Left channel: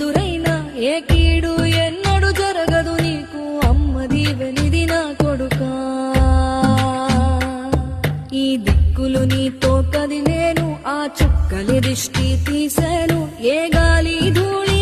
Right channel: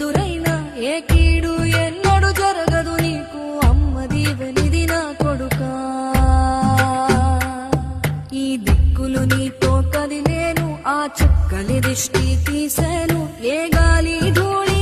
ఎదురైనా ఏ కీడు ఎన్నడు జరగదు నీకు అమ్మ దీవెనిది నా కొడుకా ఈ దిక్కులు నీతో కదిలేను ఆ చుక్కలి దిష్టి తీసేను ఏ గాలి ధూళి